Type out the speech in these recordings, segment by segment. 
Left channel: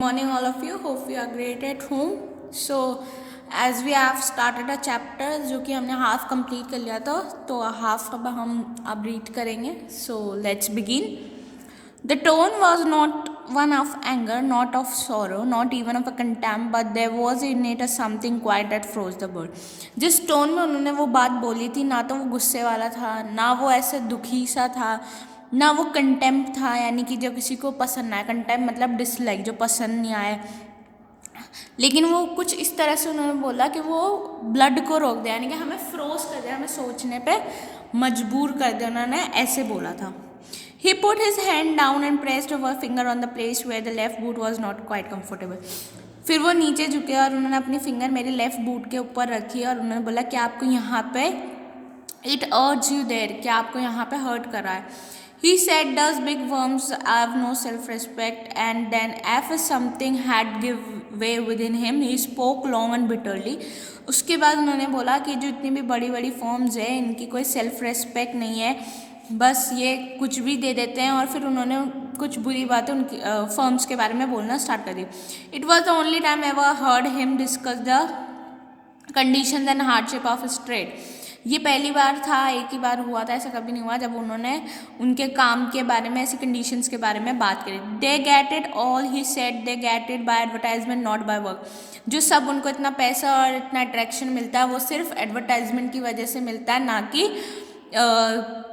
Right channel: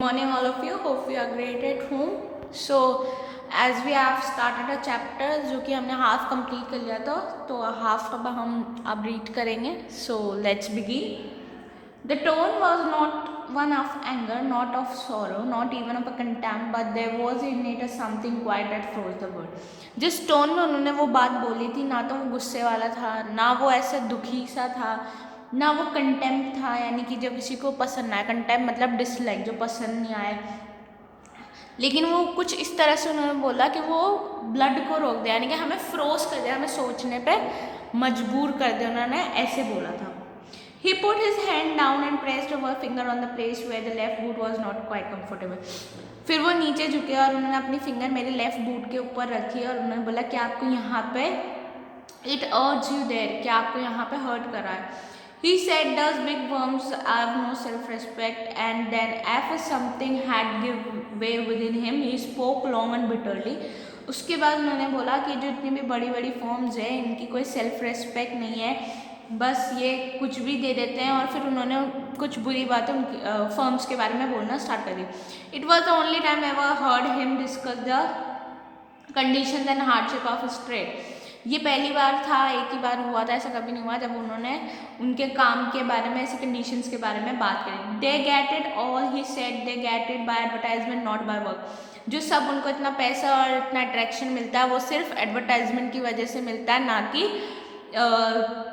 Morning all of you, hope you are great at home. So as we have started a chapter जो कि हमने half complete कर लिया था, तो हाफ अब रीड करेंगे. So let's begin. The tone was not one of anger, not of sorrow, not even of a contempt, but there was in it a something quiet that froze the world. जिस tone में उन्होंने वो बात बोली थी, ना तो वो गुस्से वाला था, ना वो ऐसे दुखी सा था, ना वो कंटेम्प्ट था, यानी कि जो किसी को पसंद ना आए. कंटेम्प्ट मतलब डिसलाइक, जो पसंद नहीं आया. लेकिन वो कुछ इस तरह से उन्होंने बोला कि वो ब्लड को रोक दिया, यानी कि हमें फ्रोज कर दिया, हमें सोचने पे मजबूर कर दिया. उन्होंने ऐसे बोला था. He put his hand down and pressed a finger on the place where the left boot was not quite comfortable. फिर वो नीचे झुके और उन्होंने अपनी फिंगर मेरी लेफ्ट बूट के ऊपर रखी और उन्होंने बोला कि आपको यहाँ पे इट अर्ज यू देयर, कि आपको यहाँ पे हर्ट कर रहा है. He said those big worms have no self-respect, and then after something had give way within him, he spoke long and bitterly. उसके बाद उन्होंने बोला कि जो इतनी भी बड़ी बड़ी फॉर्म्स है, इनकी कोई सेल्फ रेस्पेक्ट नहीं है, बस ये कुछ भी दे देते हैं. और फिर उन्होंने कुछ बुरी बातें उनकी फॉर्म्स के बारे में बोलना स्टार्ट कर दी. It was the only time ever heard him discuss the condition and hardship of his trade. ये पहली बार था, एक ही बार हुआ था, ऐसा कभी नहीं हुआ जब उन्होंने उनके काम के बारे में, ऐसी कंडीशंस के बारे में बात करी. They get it all, he said, they get it by advertisement not by work. जो सब उनको इतना पैसा और इतना अट्रैक्शन मिलता है, वो सिर्फ एडवर्टाइजमेंट की वजह से मिलता है, ना कि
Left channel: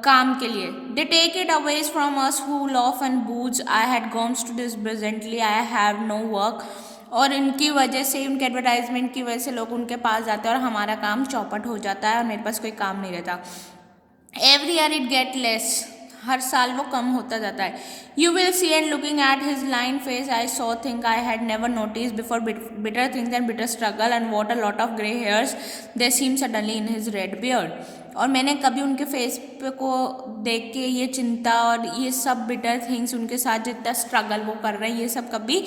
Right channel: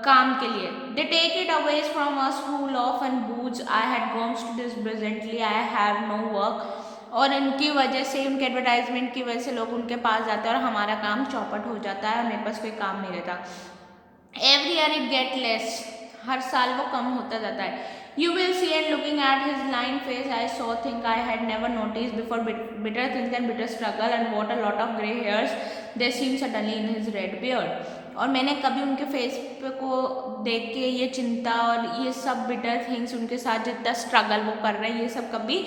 काम के लिए. They take it away from us who love and boots. I had comes to this presently, I have no work. और उनकी वजह से, उनके एडवर्टाइजमेंट की वजह से लोग उनके पास जाते हैं और हमारा काम चौपट हो जाता है और मेरे पास कोई काम नहीं रहता. Every year it get less, हर साल वो कम होता जाता है. You will see and looking at his line face I saw think I had never notice before bitter things and bitter struggle and what a lot of grey hairs they seem suddenly in his red beard. और मैंने कभी उनके face पे को देख के ये चिंता और ये सब बिटर थिंग्स, उनके साथ जितना स्ट्रगल वो कर रहे हैं, ये सब कभी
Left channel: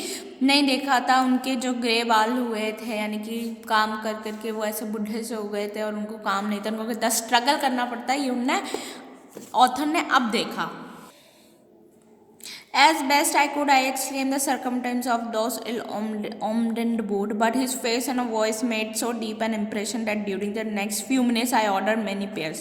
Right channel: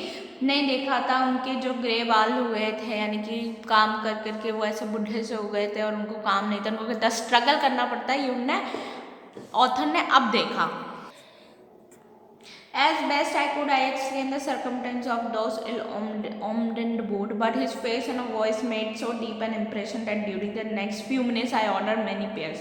नहीं देखा था. उनके जो ग्रे बाल हुए थे, यानी कि काम कर करके वो ऐसे बुढ़े से हो गए थे और उनको काम नहीं था, उनको कितना स्ट्रगल करना पड़ता है, ये उनने ऑथर ने अब देखा. As best I could, I explained the circumstance of those ill-omened boot, but his face and voice made so deep an impression that during the next few minutes I ordered many pairs.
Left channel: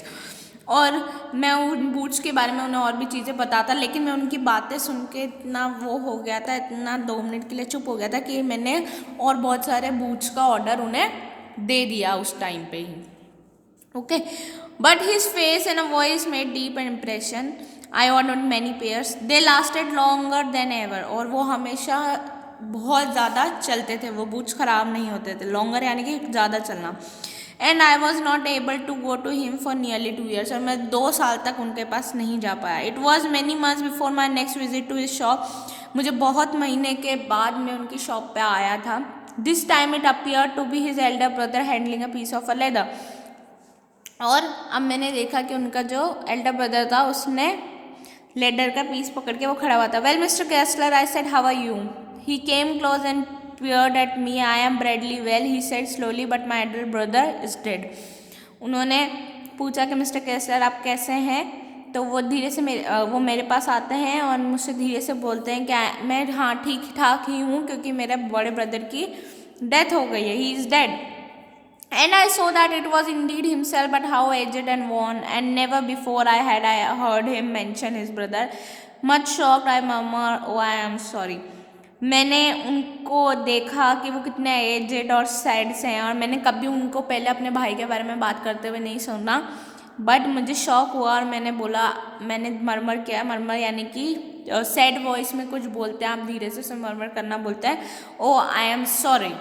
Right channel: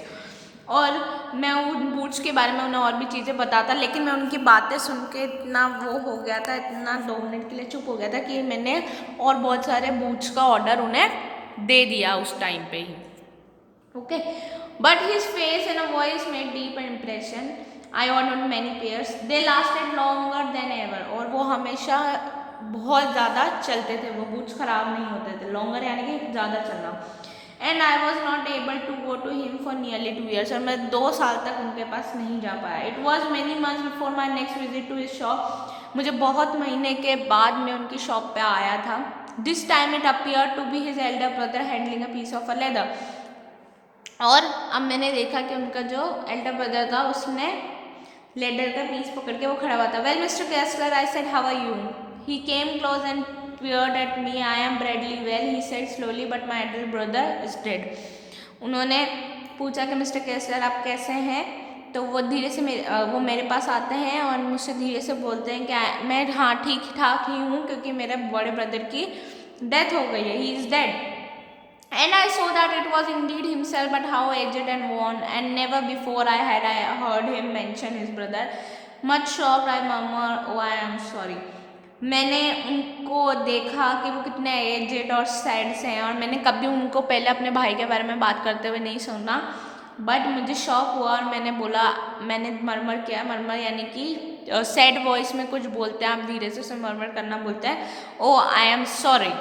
और मैं उन boots के बारे में उन्हें और भी चीज़ें बताता, लेकिन मैं उनकी बातें सुन के इतना वो हो गया था, इतना 2 मिनट के लिए चुप हो गया था कि मैंने और बहुत सारे बूट्स का ऑर्डर उन्हें दे दिया उस टाइम पे ही. Okay, but his face and a voice made deep impression. I ordered many pairs, they lasted longer than ever. और वो हमेशा बहुत ज़्यादा चलते थे, वो बूट्स ख़राब नहीं होते थे. लॉन्गर यानी कि ज़्यादा चलना. And I was not able to go to him for nearly 2 years. और मैं 2 साल तक उनके पास नहीं जा पाया. It was many months before my next visit to his shop. मुझे बहुत महीने के बाद मैं उनकी शॉप पे आया था. This time it appear to be his elder brother handling a piece of a leather. और अब मैंने देखा कि उनका जो एल्डर ब्रदर था, उसने लेडर का पीस पकड़ के वो खड़ा हुआ था. Well mister Gessler, I said, how are you. He came close and peered at me. I am Bradley. Well, he said slowly, but my elder brother is dead. उन्होंने पूछा कि मिस्टर केसलर आप कैसे हैं. तो वो धीरे से वो मेरे पास आते हैं और मुझसे धीरे से बोलते हैं कि मैं हाँ ठीक ठाक ही हूँ, क्योंकि मेरे बड़े ब्रदर की डेथ हो गई है. He is dead. And I saw that it was indeed himself, but how aged and worn, and never before I heard him mention his brother. Much shocked, I murmured, "Oh, I am sorry." मैंने उनको देखा कि वो कितने aged और sad से हैं, और मैंने कभी उनको पहले अपने भाई के बारे में बात करते हुए नहीं सुना. बट मुझे शौक हुआ और मैंने बोला, मैंने मरमर किया. मरमर यानी कि सैड वॉइस में कुछ बोलते हैं, आप धीरे से उसे मरमर करना बोलते हैं. Oh I am sorry.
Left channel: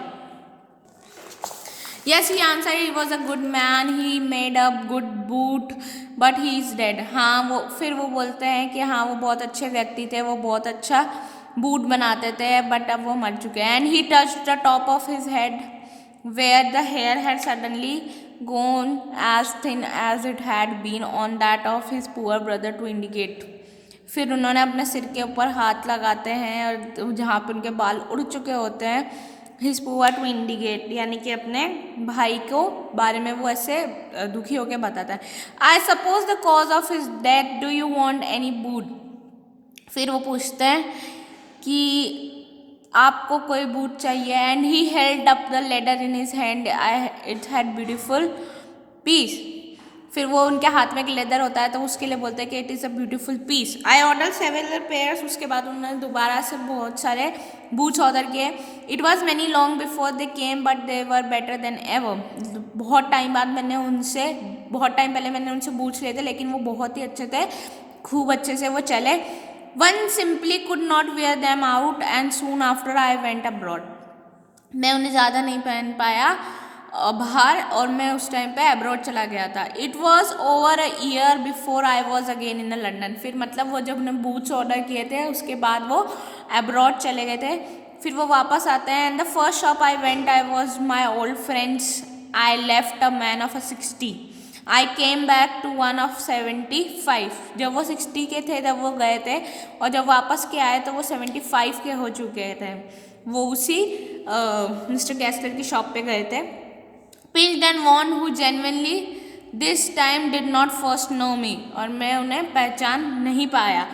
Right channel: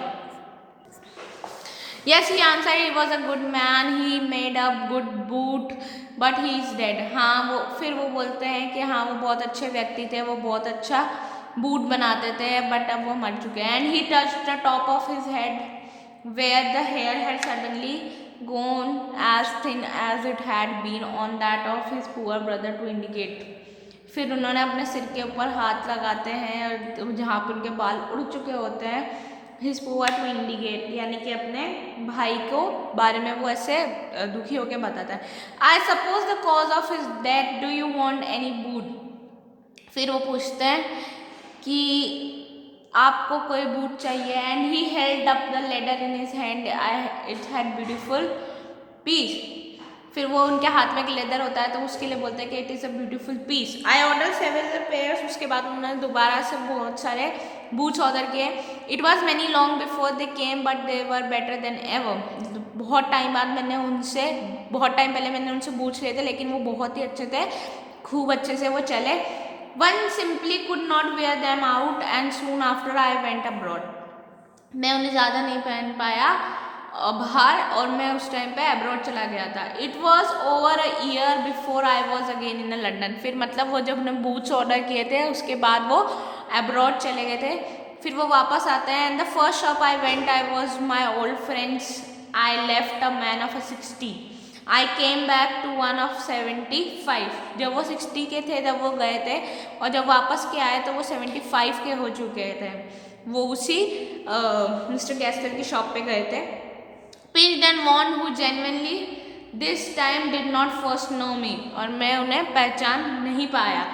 Yes, he answered, he was a good man, he made a good boot, but he is dead. हाँ, वो फिर वो बोलते हैं कि हाँ वो बहुत अच्छे व्यक्ति थे, वो बहुत अच्छा बूट बनाते थे, बट अब वो मर चुके हैं. And he touched the top of his head where the hair had suddenly gone as thin as it had been on that of his poor brother to indicate. फिर उन्होंने अपने सिर के ऊपर हाथ लगाते हैं और जहाँ पर उनके बाल उड़ चुके होते हैं, हिज पुअर टू इंडिकेट, यानी कि अपने भाई को बारे में वो ऐसे दुखी होकर बताता है. I suppose the cause of his death, do you want any boot. फिर वो पूछते हैं कि आपको कोई बूट चाहिए, and he held up the leather in his hand, it had beautiful piece. फिर वो उनके हाथ में एक लेदर होता है तो उसके लिए बोलते हैं कि it is a beautiful piece. I order several pairs, उसके बाद उन्होंने दोबारा से बहुत सारे बूट्स ऑर्डर किए। It was many long before they came but they were better than ever. बहुत टाइम बाद मैंने उनसे, बहुत टाइम पहले मैंने उनसे बूट्स लिए थे, लेकिन वो बहुत ही अच्छे थे, खूब अच्छे से वो चले। One simply could not where them out and soon after I went abroad. मैं उन्हें ज़्यादा नहीं पहन पाया बाहर, और मैं उस टाइम पे अब्रॉड चला गया था। It was over a year before I was again in London. फिर मतलब वो जब उन्होंने बूट्स ऑर्डर किए थे उसके बाद वो अब्रॉड चले गए थे, फिर वो वापस आते हैं। And the first shop I went I was my old friends, I left a man of a 60, I came back to one of 75। जब वो 60 के थे जब वो गए थे, और जब वापस के आए तो वो 75 के हो चुके थे। वो उसी मिस्टर गैस्लर की शॉप पे गए थे। Pinched and won who genuinely this time did not first know me, और मैं उन्हें पहचान नहीं पाया।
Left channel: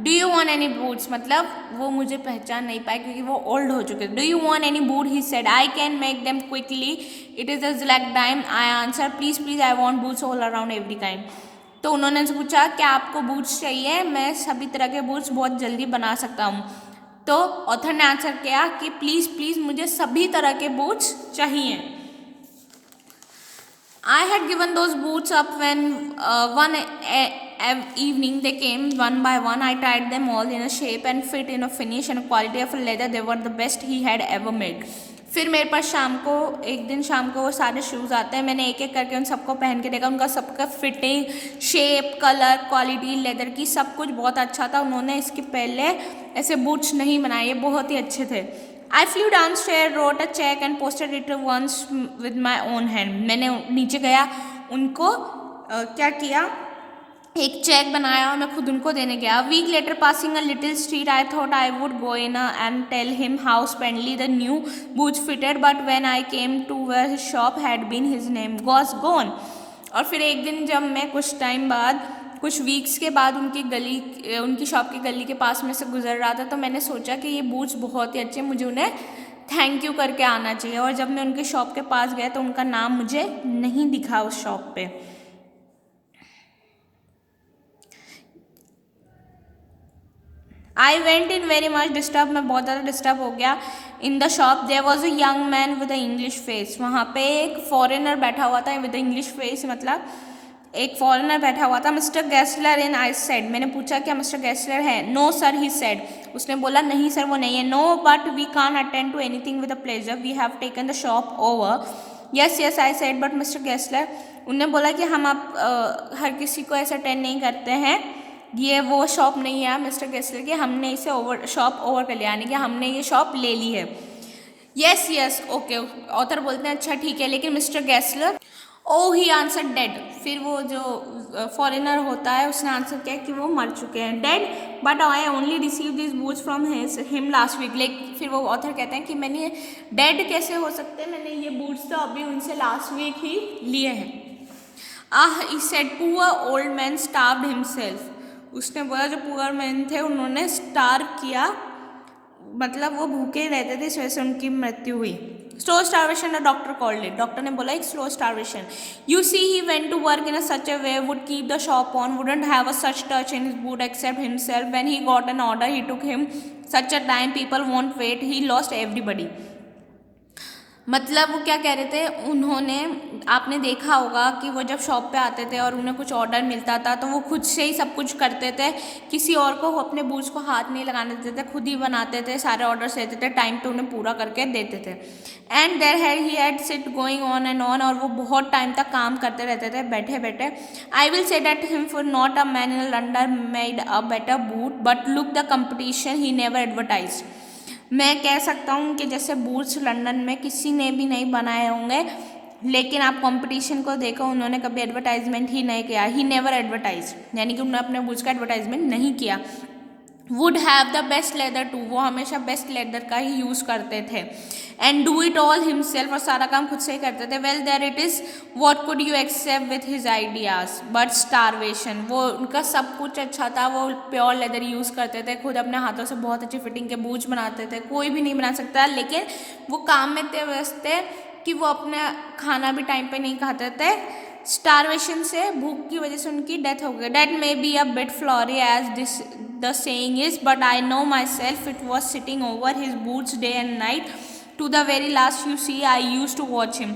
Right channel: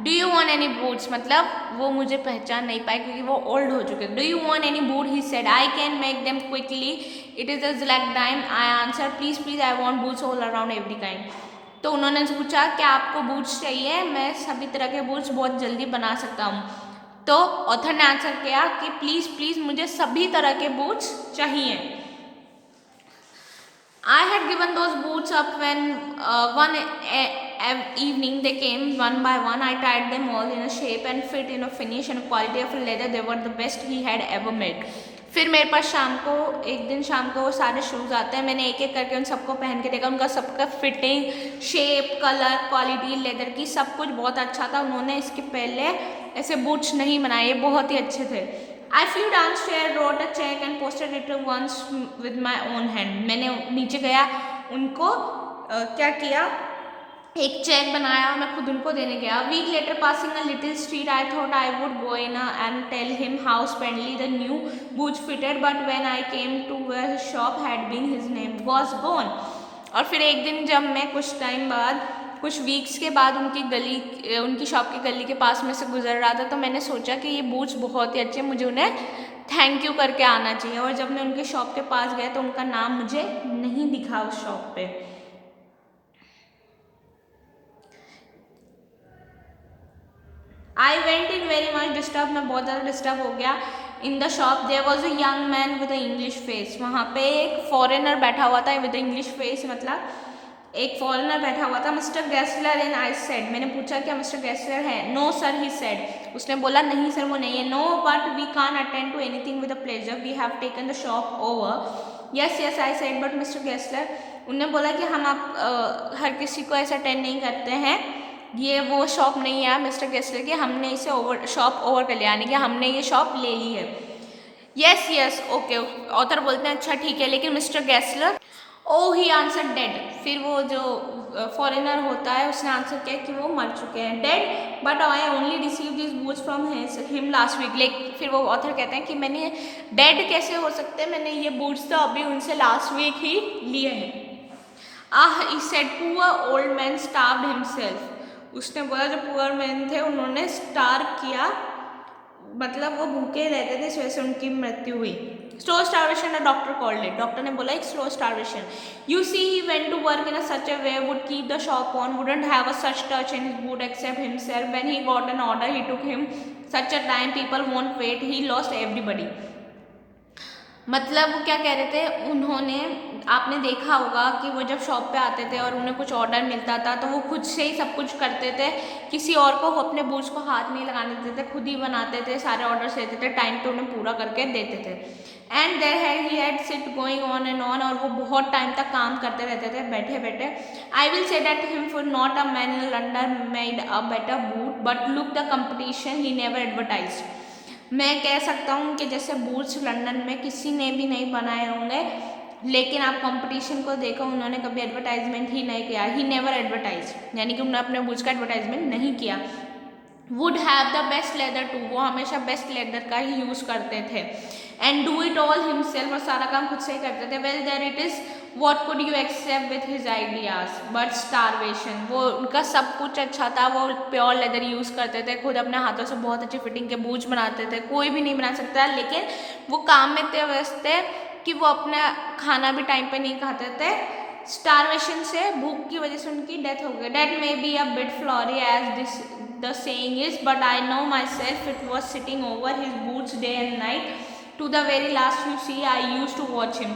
Do you want any boots, मतलब वो मुझे पहचान नहीं पाए क्योंकि वो ओल्ड हो चुके। Do you want any boot, he said, I can make them quickly, it is a like time. I answer, please please, I want boots all around every kind. तो उन्होंने पूछा क्या आपको बूट्स चाहिए, मैं सभी तरह के बूट्स बहुत जल्दी बना सकता हूँ। तो ऑथर ने आंसर किया कि प्लीज़ प्लीज़ मुझे सभी तरह के बूट्स चाहिए। I had given those boots up when one evening they came one by one. I tried them all in a shape and fit in a finish and quality of leather. They were the best he had ever made. फिर मेरे पास शाम को, एक दिन शाम को वो सारे शूज़ आते हैं, मैंने एक एक करके उन सबको पहन के देखा, उनका सबका fitting, shape, colour, quality, leather की सब कुछ बहुत अच्छा था। उन्होंने इसके पहले ऐसे बूट्स नहीं बनाए, बहुत ही अच्छे थे। I flew downstairs, wrote a check and posted it once with my own hand. मैंने नीचे गया, उनको क्या किया, एक चेक बनाया, मैं खुद उनको देने गया। Week later passing a little street I thought I would go in and tell him how splendidly the new boots fitted, but when I came to where his shop had been his name was gone. और फिर एक दिन जब मैं कुछ time बाद, कुछ weeks के बाद उनकी शॉप की गली के पास में से गुजर रहा था, तो मैंने सोचा कि ये बूट्स बहुत ही अच्छे, मुझे उन्हें थैंक यू करके आना चाहिए। और जब मैं उनके शॉप के पास गया तो उनका नाम मुझे नहीं दिखा उस शॉप पे। I went in very much disturb, मैं बहुत ज़्यादा डिस्टर्ब हो गया। In the shop there was a young man with a English face, वहाँ पे एक फॉरेनर बैठा हुआ था विद इंग्लिश फेस, मतलब एक फॉरेनर बैठा हुआ था। मिस्टर गैस्लर एंड आई सेड, मैंने पूछा क्या मिस्टर गैस्लर है? नो सर, ही सेड, उसने बोला नहीं सर वो नहीं है। No but we can't attend to anything with a pleasure, we have taken the shop over. Yes yes I said, but mister Gessler, उन्होंने बोला कि हम आप हर किसी को ऐसा अटेंड नहीं करते हैं, ये वो शॉप नहीं है मिस्टर गैस्लर की, हमने इसे शॉप ओवर कर लिया, यानी कि हमने ये शॉप ले ली है। यस यस ओके, ऑथर बोलते हैं अच्छा ठीक है, लेकिन मिस्टर गैस्लर, ओ ही आंसर डेड। फिर वो जो फॉरेनर होता है उसने आंसर किया कि वो मर चुके हैं, dead, but I only receive this boots from him last week. Like फिर वो ऑथर कहते हैं कि मैंने, डेड कैसे हो सकते हैं, मैंने ये बूट्स तो अभी उनसे लास्ट वीक ही लिए हैं। He said, poor old man starved himself, उसने बोला जो पुअर मैन थे उन्होंने स्टार्व किया, मतलब वो भूखे रहते थे, इस वजह से उनकी मृत्यु हुई। Slow starvation, the doctor called it, doctor ने बोला एक slow starvation. You see he went to work in such a way, would keep the shop on, wouldn't have a such touch in his boot except himself, when he got an order he took him such a time, people won't wait, he lost everybody. मतलब वो क्या कह रहे थे, उन्होंने, आपने देखा होगा कि वो जब शॉप पे आते थे और उन्हें कुछ ऑर्डर मिलता था तो वो खुद से ही सब कुछ करते थे, किसी और को वो अपने बूट्स को हाथ नहीं लगाने देते थे, खुद ही बनाते थे, सारे ऑर्डर्स लेते थे, टाइम पे उन्हें पूरा करके देते थे। And there had he had sit going on and on, और वो बहुत टाइम तक काम करते रहते थे बैठे बैठे। I will say that him for not a man in London made a better boot, but look the competition he never advertise. मैं कह सकता हूँ कि जैसे बूट्स लंदन में किसी ने भी नहीं बनाए होंगे, लेकिन आप कंपटीशन को देखो, उन्होंने कभी एडवर्टाइजमेंट ही नहीं किया, ही नेवर एडवर्टाइज, यानी कि उन्होंने अपने बूट्स का एडवर्टाइजमेंट नहीं किया। Would have the best leather too, वो हमेशा बेस्ट लेदर का ही यूज़ करते थे। And do it all himself, और सारा काम खुद से ही करते थे। Well there it is what could you except with his ideas but starvation, वो उनका सब कुछ अच्छा था, वो प्योर लेदर यूज़ करते थे, खुद अपने हाथों से बहुत अच्छी फिटिंग के बूट बनाते थे, कोई भी नहीं बना सकता, लेकिन वो काम में इतने व्यस्त थे कि वो अपना खाना भी टाइम पे नहीं खाते थे। स्टारवेशन से, भूख की वजह से उनकी डेथ हो गई। That may be a bit flowery as this the saying is, but I know myself it was sitting over his boots day and night to the very last you see I use to watch him.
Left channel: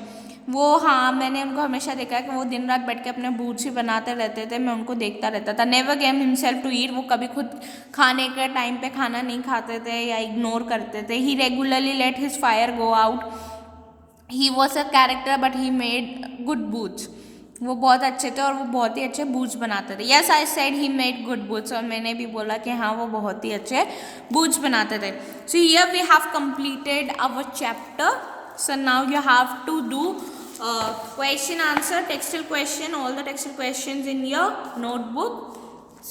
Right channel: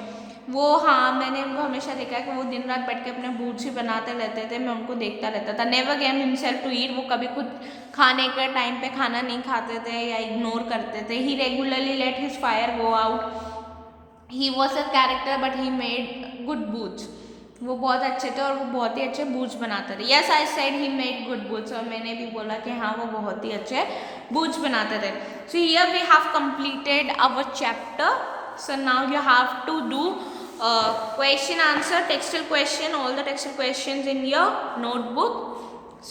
वो, हाँ, मैंने उनको हमेशा देखा है कि वो दिन रात बैठ के अपने बूट्स ही बनाते रहते थे, मैं उनको देखता रहता था। Never gave himself to eat, वो कभी खुद खाने के टाइम पे खाना नहीं खाते थे या इग्नोर करते थे। He regularly let his fire go out, he was a character but he made good boots, वो बहुत अच्छे थे और वो बहुत ही अच्छे बूट्स बनाते थे। Yes I said he made good boots, और मैंने भी बोला कि हाँ वो बहुत ही अच्छे बूट्स बनाते थे। So here we have completed our chapter. So now you have to do question answer textual question, all the textual questions in your notebook.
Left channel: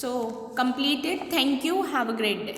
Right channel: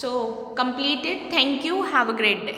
So complete it. Thank you. Have a great day.